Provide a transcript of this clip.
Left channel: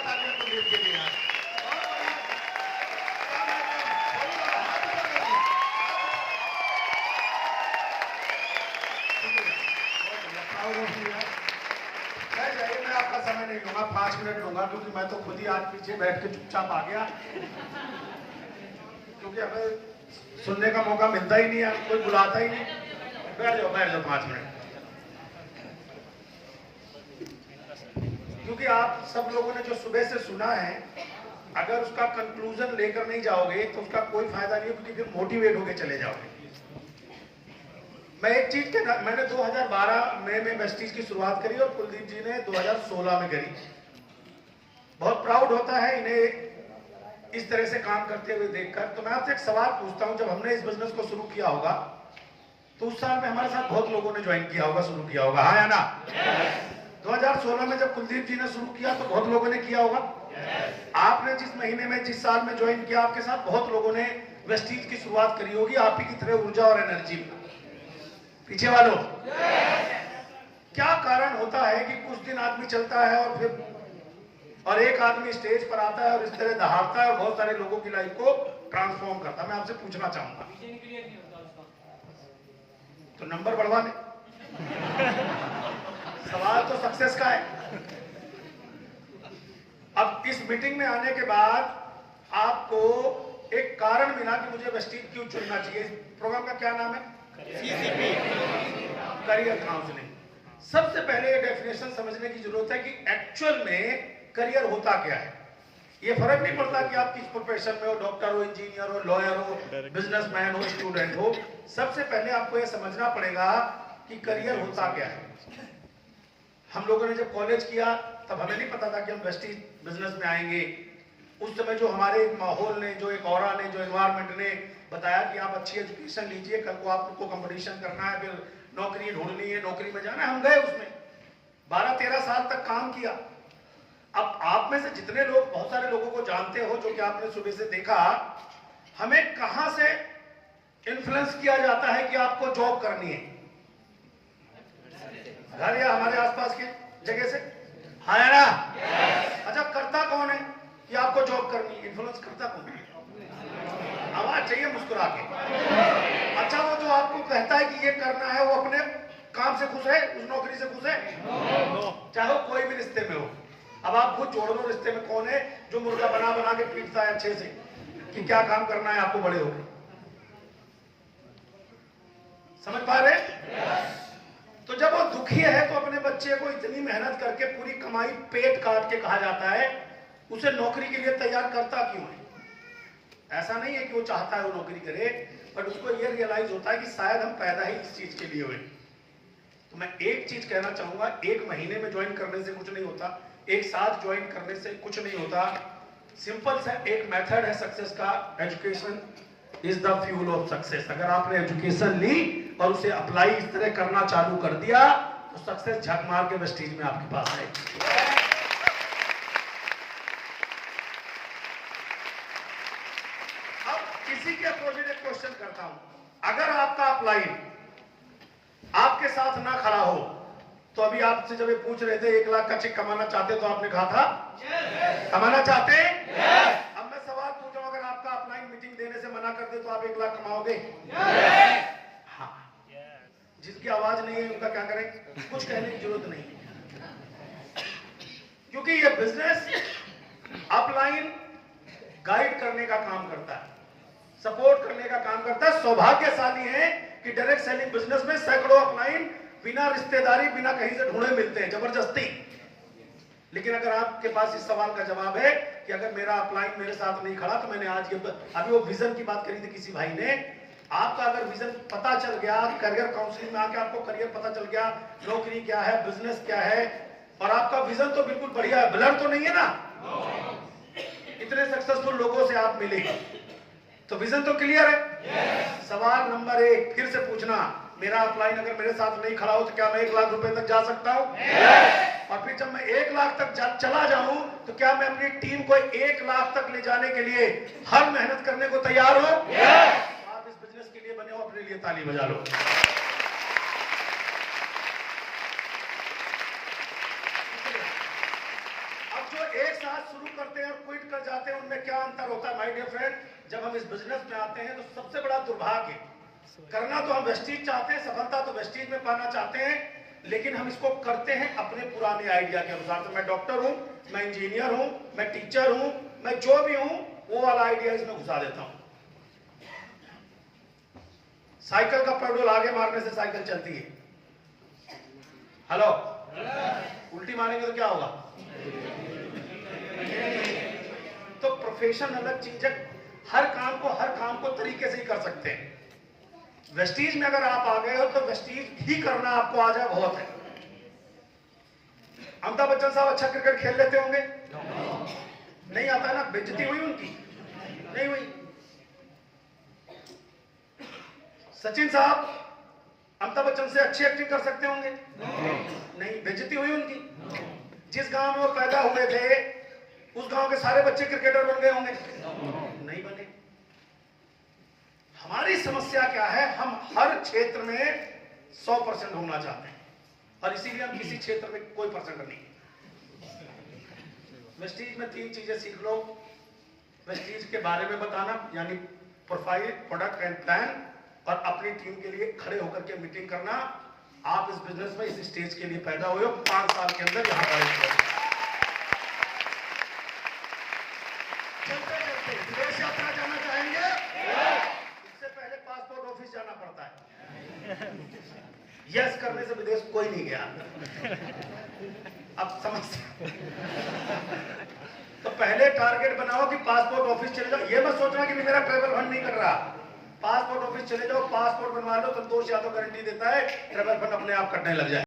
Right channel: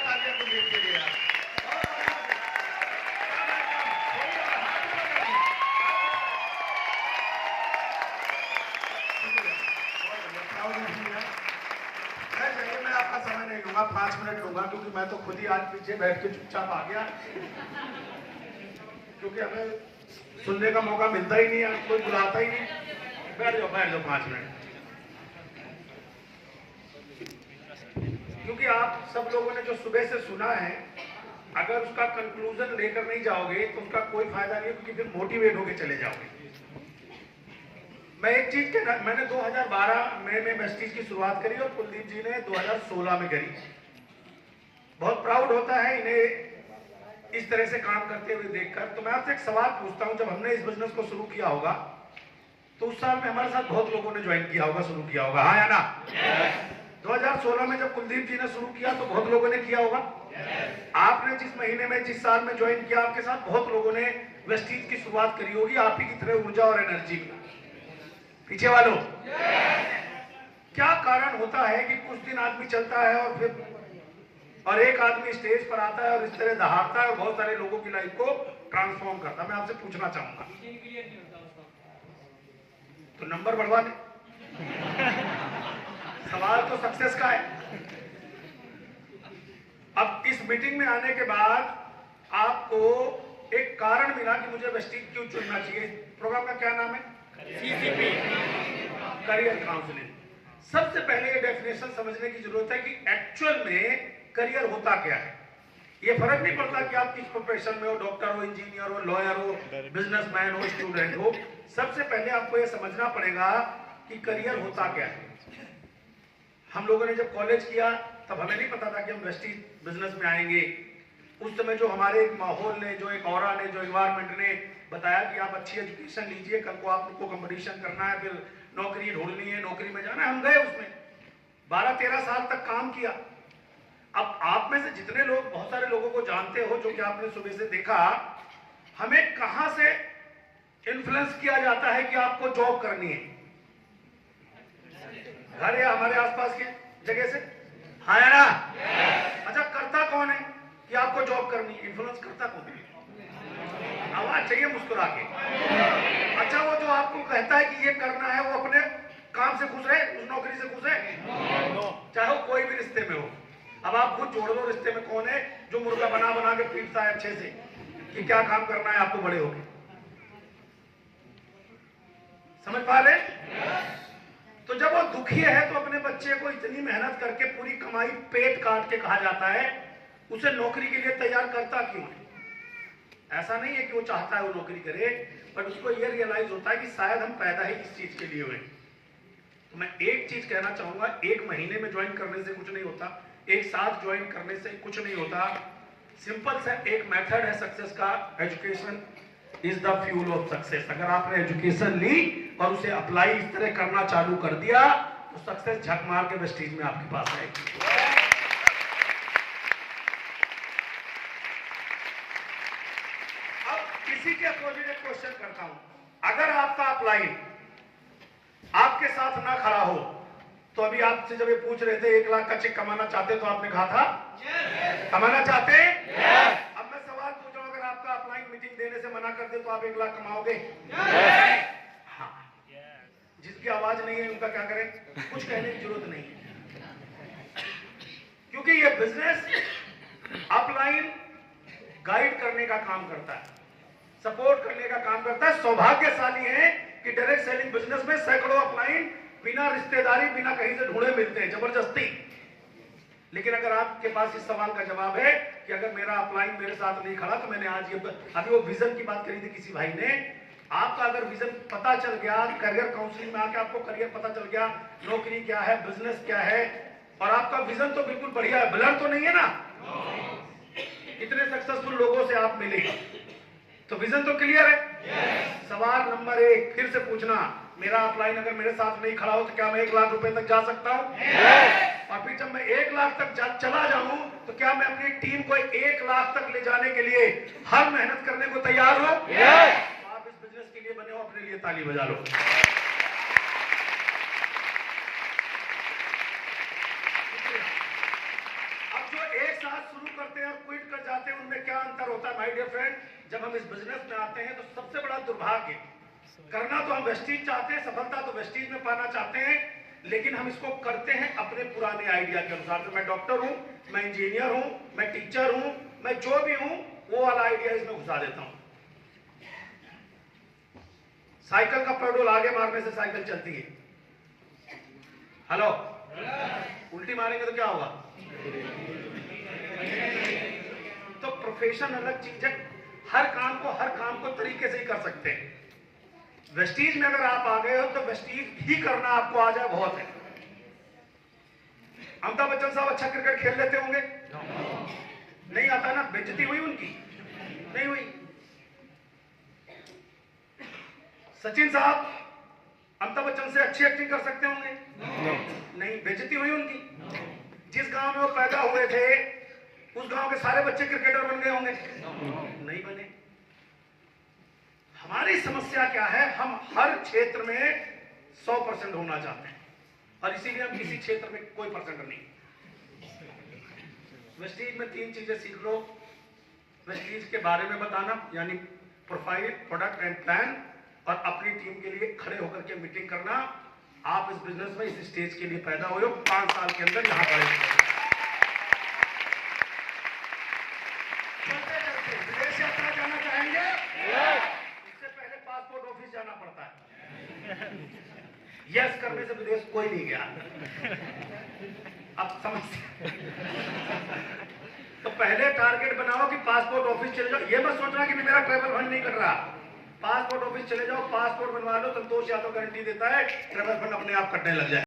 तालियां कुलदीप के लिए यार। मैं आपका समय नहीं लूंगा, 5 मिनट लूंगा, क्योंकि मैं तो खुद ही आज पीछे बैठ के चुपचाप आ गया, क्योंकि हमें सुनने का मौका मिलता ही नहीं है, कोई बुलाता ही नहीं। बैठ जाओ 5 मिनट। क्योंकि आप सब लोगों ने जो सुबह से सुना है, अगर उसका कंक्लूजन लेकर नहीं जाओगे तो उसका कोई फायदा नहीं, क्योंकि फिर मोटिवेट होकर चले जाओगे। मैं एक चीज कहना, मैंने 2012 में वेस्टीज की शुरुआत करी और कुलदीप जी ने 2016 में करी। बहुत प्राउड होता है इन्हें इस तरह से काम करते हुए देखकर। तो मैं आपसे एक सवाल पूछता हूं, जब हमने इस बिजनेस को शुरू किया होगा तो उस साल में हमारे साथ बहुत लोगों ने ज्वाइन किया होगा, शुरू किया होगा, हाँ या ना? 2016 में जब कुलदीप जी ने शुरू किया तो बहुत लोगों ने किया होगा। आपने जिस महीने में, जिस साल में ज्वाइन किया, आपके साथ बहुत लोगों ने वेस्टीज की शुरुआत करी होगी, आप ही की तरह ऊर्जा और एनर्जी। पीछे वालों, क्या कारण होता है कि कुछ दिन आदमी चलता है और एक आदमी स्टेज पर आता है और इस तरह दहाड़ता है और बहुत सारे लोगों की लाइफ को ट्रांसफॉर्म करता है? मैं आपसे पूछना चाहूंगा, तो नंबर बढ़वा ले। सवाल तो सक्सेस का है। अब इस मीटिंग में आने के बाद आपको एक कारण मिला कि मुझे वेस्टीज क्यों चुनना चाहिए। प्रोग्राम का क्या नाम है? CCP, career counselling. सबसे पहले ये डेफिनेशन समझने की जरूरत है कि एक्चुअल में करियर होता क्या है। ये फर्क नहीं पड़ता कि आप किस प्रोफेशन में हो, डॉक्टर हो, इंजीनियर हो, लॉयर हो, बिजनेसमैन हो, स्टूडेंट हो। सबसे पहले आपको ये समझना पड़ेगा कि करियर होता क्या है। हम लोगों ने जब कॉलेज किया तब हमें नहीं पता था कि हम वेस्टीज बिजनेस में आएंगे। उस समय जो हमारे माहौल ने, जो एक ऑरा ने, जो एनवायरनमेंट ने बताया कि आप अच्छी एजुकेशन लीजिए, कल को आपको कंपटीशन करना है, फिर नौकरी ढूंढनी है, नौकरी में जाना है, हम गए उसमें 12-13 साल तक काम किया। अब आप में से जितने लोग, बहुत सारे लोगों को जानते हो जो कि आपने सुबह से देखा, हमें कहां से इन्फ्लुएंस किया जाता है कि आपको जॉब करनी है? घर या हमारे आसपास की जगह से, हाँ या ना? अच्छा, करता कौन है कि आपको जॉब करनी है? इन्फ्लुएंस करता कौन है? आवाज चाहिए मुस्कुरा के। अच्छा, वो जो आपको कहता है कि ये करना है, वो अपने काम से खुश है, उस नौकरी से खुश है? चाहे वो कोई भी रिश्ते में हो। अब आप खुद जोड़ दो, रिश्ते में कौन है जो मुर्गा बना बना के पीटता है अच्छे से कि क्या काम करना है आपको बड़े होकर? समझ पा रहे? तो जब वो दुखी है तो अपने बच्चे को इतनी मेहनत करके पूरी कमाई पेट काट के कहा जाता है, उसे नौकरी के लिए तैयार करता क्यों है? ऐसा नहीं है कि वो चाहता है वो नौकरी करे, बट उसको ये रियलाइज होता है कि शायद हम पैदा ही इस चीज के लिए हुए। तो मैं एक चीज कहना चाहूंगा, एक महीने में ज्वाइन करने से कुछ नहीं होता, एक साथ ज्वाइन करने से कुछ नहीं होता। सिंपल सा एक मेथड है सक्सेस का, education is the fuel of success. अगर आपने एजुकेशन ली और उसे अप्लाई इस तरह करना चालू कर दिया तो सक्सेस झक मार के वेस्टीज में आपके पास आएगी। इसी के अपोजिट एक क्वेश्चन करता हूं, अगर आपका अपलाइन आपके साथ ना खड़ा हो तो अभी आपसे जब ये पूछ रहे थे 1 लाख का चेक कमाना चाहते तो आपने कहा था कमाना चाहते? अब मैं सवाल पूछ रहा हूं, अगर आपका अपलाइन मीटिंग देने से मना कर दे तो आप 1 लाख कमाओगे? हाँ। जिसकी आवाज नहीं है उनका क्या करें? कुछ कहने की जरूरत नहीं है, क्योंकि ये बिजनेस अपलाइन गाइड करने का काम करता है, सपोर्ट करने का काम करता है। सौभाग्यशाली है कि डायरेक्ट सेलिंग बिजनेस में सैकड़ों अपलाइन बिना रिश्तेदारी, बिना कहीं से ढूंढे मिलते हैं, जबरदस्ती। लेकिन अगर आपके पास इस सवाल का जवाब है कि अगर मेरा अपलाइन मेरे साथ नहीं खड़ा तो मैंने आज ये, अभी वो विजन की बात करी थी किसी भाई ने, आपका अगर विजन पता चल गया, करियर काउंसलिंग में आके आपको करियर पता चल गया, नौकरी क्या है, बिजनेस क्या है, और आपका विजन तो बिल्कुल बढ़िया है, ब्लर तो नहीं है ना? इतने सक्सेसफुल लोगों से आप मिले तो विजन तो क्लियर है। सवाल नंबर 1 फिर से पूछना, मेरा अपलाइन अगर मेरे साथ नहीं खड़ा हो तो क्या मैं 1 लाख रुपए तक जा सकता हूं? और फिर जब मैं 1 लाख तक चला जाऊं तो क्या मैं अपनी टीम को 1 लाख तक ले जाने के लिए हर मेहनत करने को तैयार हो? आप इस बिजनेस के लिए बने हो, अपने लिए ताली बजा लो। अब जो एक साथ शुरू करते हैं और क्विट कर जाते हैं, उनमें क्या अंतर होता है माय डियर फ्रेंड? जब हम इस बिजनेस में आते हैं तो सबसे बड़ा दुर्भाग्य, करना तो हम वेस्टीज चाहते हैं, सफलता तो वेस्टीज में पाना चाहते हैं, लेकिन हम इसको करते हैं अपने पुराने आइडिया के अनुसार। तो मैं डॉक्टर हूं, मैं इंजीनियर हूं, मैं टीचर हूं, मैं जो भी हूं, वो वाला आइडिया इसमें घुसा देता हूं। साइकिल का पेडल आगे मारने से साइकिल चलती है। हेलो, उल्टी मारेंगे तो क्या होगा? तो प्रोफेशन अलग चीज है, हर काम को तरीके से ही कर सकते हैं। वेस्टीज में अगर आप आ गए हो तो वेस्टीज ही करना आपको आ जाए बहुत है। अमिताभ बच्चन साहब अच्छा क्रिकेट खेल लेते होंगे? नहीं आता ना? बेइज्जती हुई उनकी? नहीं हुई। सचिन साहब अमिताभ बच्चन से अच्छी एक्टिंग कर सकते होंगे? नहीं। बेइज्जती हुई उनकी? जिस गांव में वो पैदा हुए थे उस गांव के सारे बच्चे क्रिकेटर बन गए होंगे? नहीं बने। हमारी समस्या क्या है? हम हर क्षेत्र में 100% होना चाहते हैं और इसीलिए हम किसी क्षेत्र में कोई परसेंट नहीं। वेस्टीज में 3 चीजें सीख लो। वेस्टीज के बारे में बताना, यानी प्रोफाइल, प्रोडक्ट एंड प्लान, और अपनी टीम के लिए खड़े होकर के मीटिंग करना। आप इस बिजनेस में इस स्टेज के लिए पैदा हुए हो, 5 साल के अंदर यहां पर विदेश यात्रा जाना चाहेंगे? इससे पहले पासपोर्ट ऑफिस जाना पड़ता है। यस करने से विदेश कोई नहीं गया। अब समस्या तो पहले टारगेट बनाओ कि पासपोर्ट ऑफिस चले जाओ। ये मत सोचना कि मेरा ट्रेवल फंड नहीं कर रहा। पासपोर्ट ऑफिस चले जाओ, पासपोर्ट बनवा लो, संतोष यादव गारंटी देता है ट्रेवल फंड अपने आप कटने लग जाए।